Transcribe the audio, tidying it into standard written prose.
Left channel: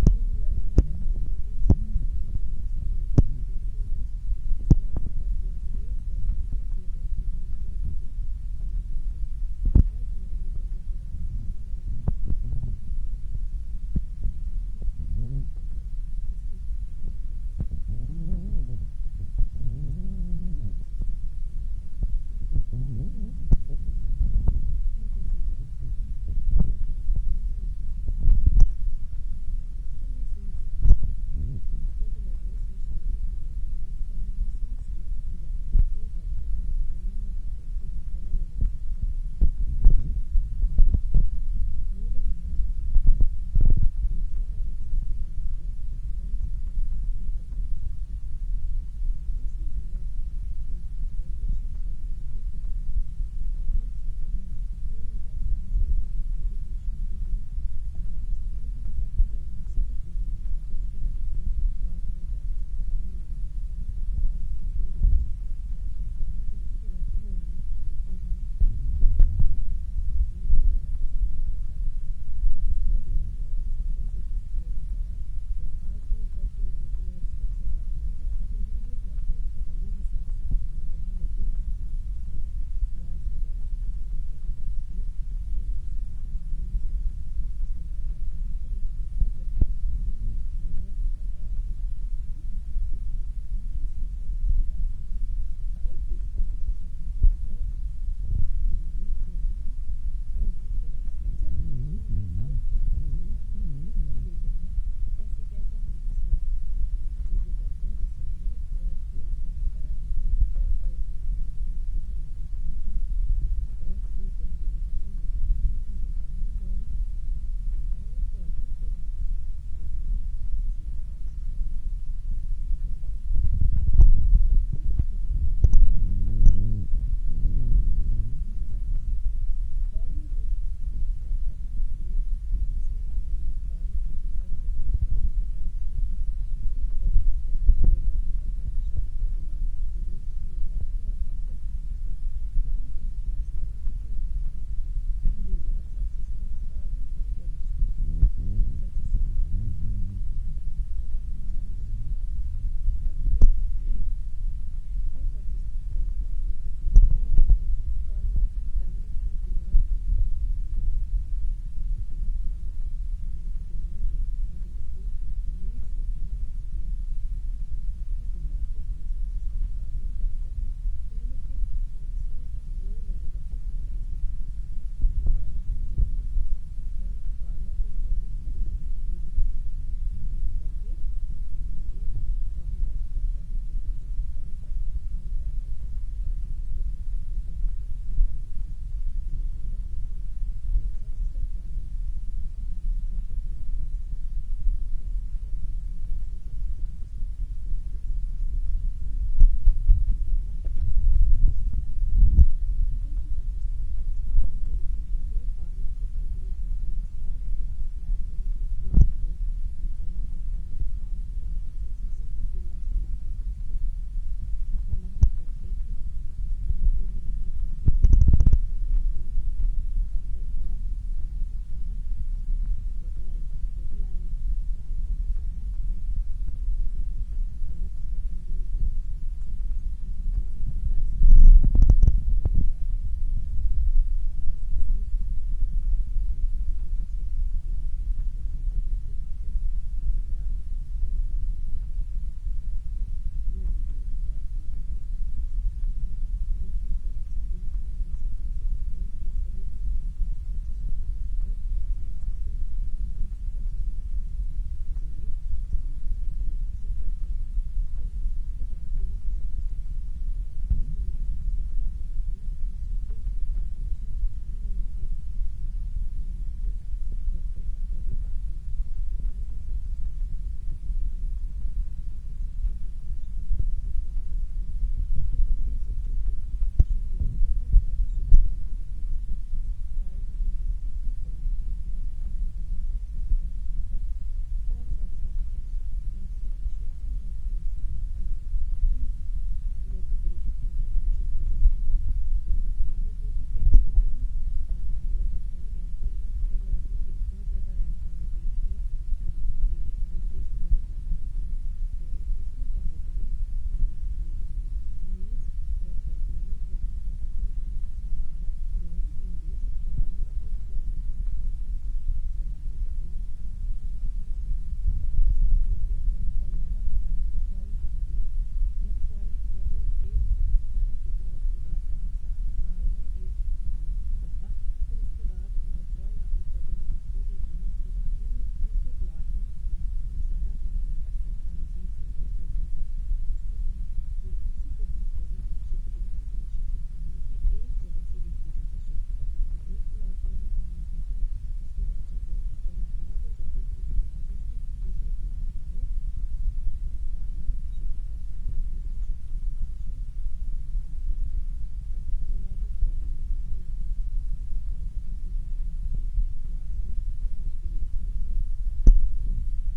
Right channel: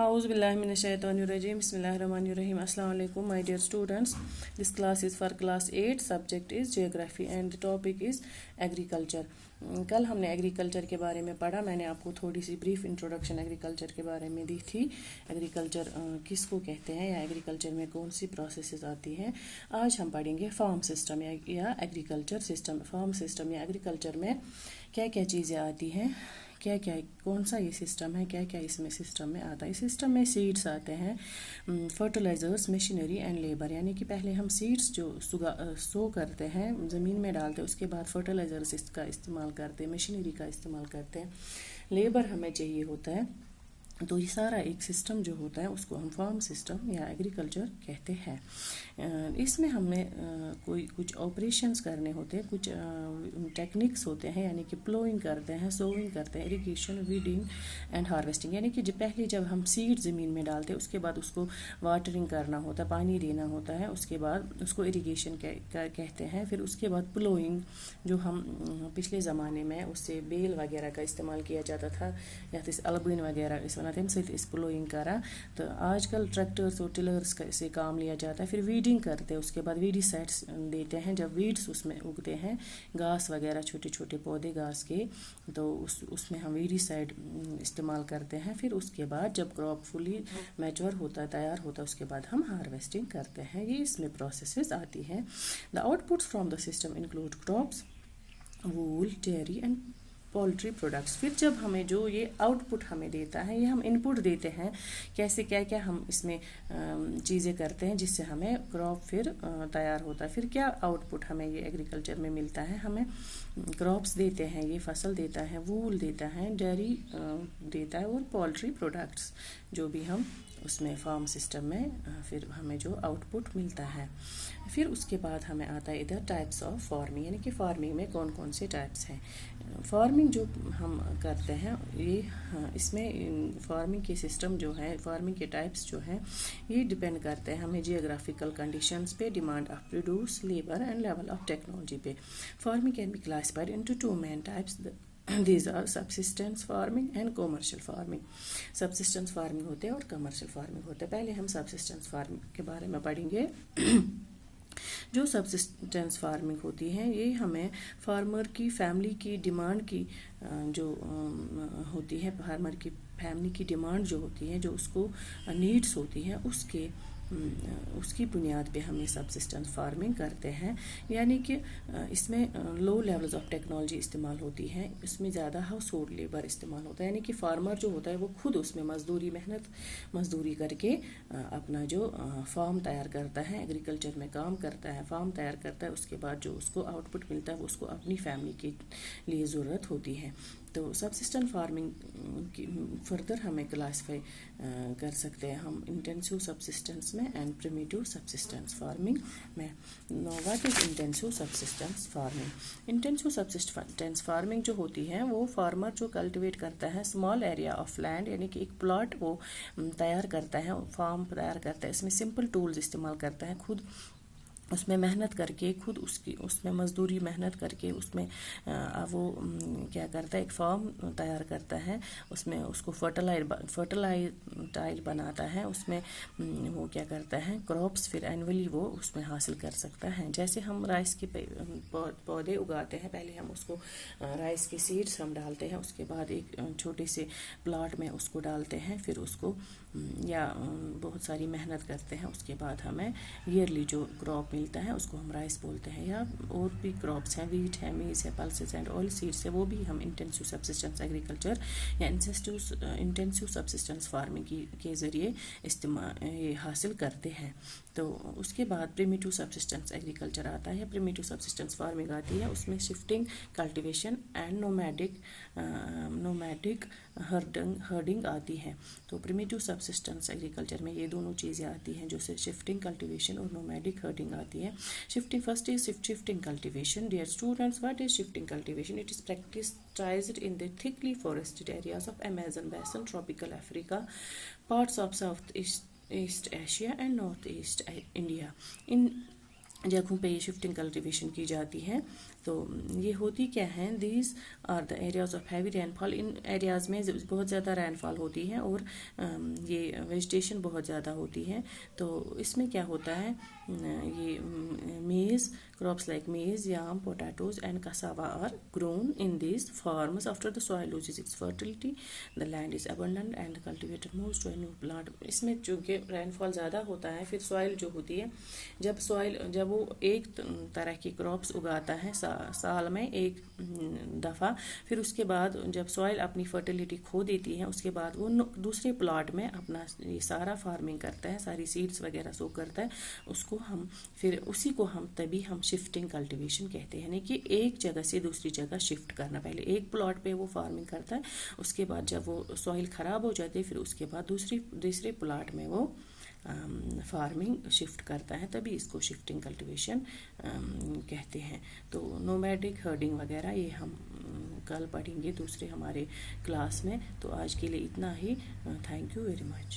A'udhu billahi minash shaitanir rajim. Bismillahirrahmanirrahim. Assalamu alaikum, my dear students. This class is for class 8. Subject is geography and the topic is agriculture. कल हमने agriculture के बारे में पढ़ा. मैंने आपको थोड़ी सी ब्रीफ इंट्रोडक्शन एग्रीकल्चर के बारे में दी थी. एग्रीकल्चर किसको कहते हैं या एग्रीकल्चर में कौन सी प्रोसेसेस आती हैं. आज हम पढ़ेंगे फार्म सिस्टम या एग्रीकल्चर सिस्टम. फार्म सिस्टम या एग्रीकल्चर में क्या क्या चीज़ें आती हैं, क्या क्या कौन सा ये सिस्टम है, क्या क्या इसमें सिस्टम में आता है. इस सिस्टम में सीड्स आते हैं, फर्टिलाइज़र्स, मशीनरी एंड लेबर. यानी कि पहले हम सीड्स जो सो करते हैं, ज़मीन में डालते हैं, उसके बाद फर्टिलाइज़र्स इसका इस्तेमाल करते हैं, मशीनरी का इस्तेमाल करते हैं, लेबर हमें चाहिए होता है. तो ये सारा एक सिस्टम जो होता है उसको हम फार्म सिस्टम या एग्रीकल्चर कहते हैं. इसमें हमें कोई कुछ ऑपरेशंस करने होते हैं, कुछ टेक्निक्स होते हैं, यानी कि प्लोइंग करते हैं, सोइंग करते हैं, इरिगेशन, वीडिंग एंड हार्वेस्टिंग. यानी कि पहले जब हम सीड ज़मीन में डालते हैं उसके बाद उसको वाटरिंग करना होता है, पानी देना होता है, उसके बाद उसको इरिगेशन कहते हैं. फिर उसके बाद प्लोइंग जो हम पिछले ज़माने में उससे बेल वगैरह का इस्तेमाल किया जाता था या अलबिन वगैरह इस वजह से इस प्लोइंग करा. तो आजकल ट्रैक्टर्स और टिलर्स से काम लिया जाता है. फिर वीडिंग करते हैं, उसके बाद वीडीसाइड्स देते हैं. जब वीड्स उसमें उगते हैं, घास वगैरह छोटे छोटे पौधे घास के, तो उसमें हम वीडीसाइड इस्तेमाल करते हैं. फिर उसके बाद जब क्रॉप फुली मैच्योर होता है, तैयार होता है, उसके बाद हम हार्वेस्टिंग करते हैं. ये इसमें प्रोसेसेस आती हैं. The outputs from the system include crops, wool, dairy and poultry products. फिर जब हमें जो ये आउटपुट हमें देता है, ये हम इनपुट देते हैं, कैसे क्या क्या हम इसमें चीज़ें करते हैं जिससे हमें क्रॉप फिर तैयार होता है. फिर क्या आउटपुट हमें ये एग्रीकल्चर में मिलता है, हमें क्रॉप्स देते हैं, ये फसल देता है, वूल देता है, डेयरी देता है, और पोल्ट्री प्रोडक्ट्स जो भी हम उसमें फार्म सिस्टम में फिर हमें जो आउटपुट मिलता है. फिर उसके बाद हमें आता है इधर टाइप्स ऑफ फार्मिंग, यानी कि फार्मिंग में कौन कौन से टाइप्स हैं. फार्मिंग जो हम करते हैं ये इसमें फार्मिंग के सिस्टम जो है, फार्मिंग के टाइप्स जो हैं, ये डिपेंड करते हैं हमें जियोग्राफिकल कंडीशंस पे, demand of produce, labour and level of technology पे. Farming can be classified into two main types. These are subsistence farming and commercial farming. Subsistence farming होते हैं और commercial farming होते हैं. पहले हम subsistence farming के बारे में पढ़ेंगे. जो सब्सिस्टेंस फार्मिंग होती है ये हमें फार्मर की फैमिली की डिमांड की जो होती है, फार्मर की फैमिली की डिमांड जो होती है, जो उसको नीड्स होती हैं, उसकी बुनियाद पे हम ये सब्सिस्टेंस फार्मिंग करते हैं. यानी कि इसमें लो लेवल्स ऑफ टेक्नोलॉजी इस्तेमाल होती है, इसमें ज़्यादा हाउस होल्ड लेबर इस्तेमाल होता है. यानी कि फार्मर जो होता है वो खुद उसमें मजदूरी करके अपना जो फार्म तैयार करता है, एग्रीकल्चर में काम करता है, फार्म तैयार करता है. उसके बाद जो उसको आउटपुट मिलता है वो उसको अपनी फैमिली के लिए ज़रूरत होती है. तो सब्सिस्टेंस फार्मिंग की फर्दर हमें क्लासीफाई कर सकते हैं हम इंटेंसिव सब्सिस्टेंस में एंड प्रिमिटिव सब्सिस्टेंस फार्मिंग में. Know what is intensive subsistence farming. Intensive subsistence farming जो होती है वो फार्मर जो कल्टिवेट करता है स्मॉल एरिया ऑफ लैंड, यानी कि एक प्लॉट वो तैयार करता है, फार्म तैयार करता है. इसमें सिंपल टूल्स इस्तेमाल करता है, खुद उसमें मेहनत करके, खुद उसमें मजदूरी मेहनत करके उसमें वो क्या करता है, एक फार्म तैयार करता है, उसमें उसको फर्टिलाइज बनाता है, उसमें वो क्या करता है, क्रॉप्स फिर एनुअली वो उसमें हासिल कर सकता है. जैसे हम राइस के पौधे उगाते हैं, पहले हम उसको राइस के सीड्स हम डालते हैं, उसके बाद एक छोटे से प्लॉट में उसको डालते हैं, फिर उसको या बहुत सारी मेहनत करते हैं, उसके बाद हमें ईयरली जो क्रॉप मिलता है उसको हम राइस बोलते हैं. या और भी क्रॉप्स हैं, वीट है, मेज है, पल्सेस एंड ऑयल सीड्स है, वो भी हम इंटेंसिव सब्सिस्टेंस एग्रीकल्चर या इंटेंसिव सब्सिस्टेंस फार्मिंग के ज़रिए ये हासिल करते हैं. तो उसके बाद प्रिमिटिव सब्सिस्टेंस एग्रीकल्चर आता है, प्रिमिटिव सब्सिस्टेंस फार्मिंग आती है. उसमें shifting, cultivation and nomadic herding आती है. तो प्रिमिटिव सब्सिस्टेंस एग्रीकल्चर में ये दोनों चीज़ें आती हैं, जो से शिफ्टिंग, कल्टिवेशन और नोमैडिक हर्डिंग आती है. Shifting first is shifting cultivation. Dear students, what is shifting cultivation? It is practiced in the thickly forested areas of Amazon basin, tropical Africa, parts of Southeast Asia and Northeast India. In جگہوں پہ یہ shifting cultivation کی جاتی ہے. تو یہ ہوتی کیا ہیں؟ These are the areas of heavy rainfall. ان ایریاز میں بہت زیادہ رین فال ہوتی ہے اور یہ ویجیٹیشن بہت زیادہ ہوتی ہے. تو اس میں کیا ہوتا ہے؟ یہ میز crops like maize, yam, potatoes and cassava are grown in these farms. After the soil loses its fertility, the land is abandoned and the cultivator moves to a new plant. اس میں چونکہ رین فال زیادہ ہوتا ہے، پھر سوائل جو ہوتی ہے، جب وہ ایک طرح کی کراپس اگاتا ہے سال میں ایک دفعہ، پھر اس کے بعد جب سوائل اپنی فرٹیلیٹی کھو دیتی ہے، اس کے بعد وہ دوسرے پلاٹ میں اپنا یہ سارا فارمنگ کرتا ہے، ساری سیڈس وغیرہ سو کرتا ہے، اس کو ہم پھر اسی کو تبھی ہم شفٹنگ کلٹیویشن کہتے ہیں. یعنی کہ ایک جگہ سے دوسری جگہ شفٹ کرنا. پہلے ایک پلاٹ پہ وہ فارمنگ کرتا ہے، اس کے بعد جب وہ سوائل خراب ہو جاتی ہے، پھر اس کے بعد دوسرے پلاٹ میں وہ فارمنگ شفٹ کرتا ہے، تبھی اس کو شفٹنگ کلٹیویشن کہتے ہیں. تو نومیڈک ہرڈنگ وغیرہ یہ ہم کل پڑھیں گے دوسرے ہمارے کلاس میں. تو آج کے لیے اتنا ہی. Thank you very much.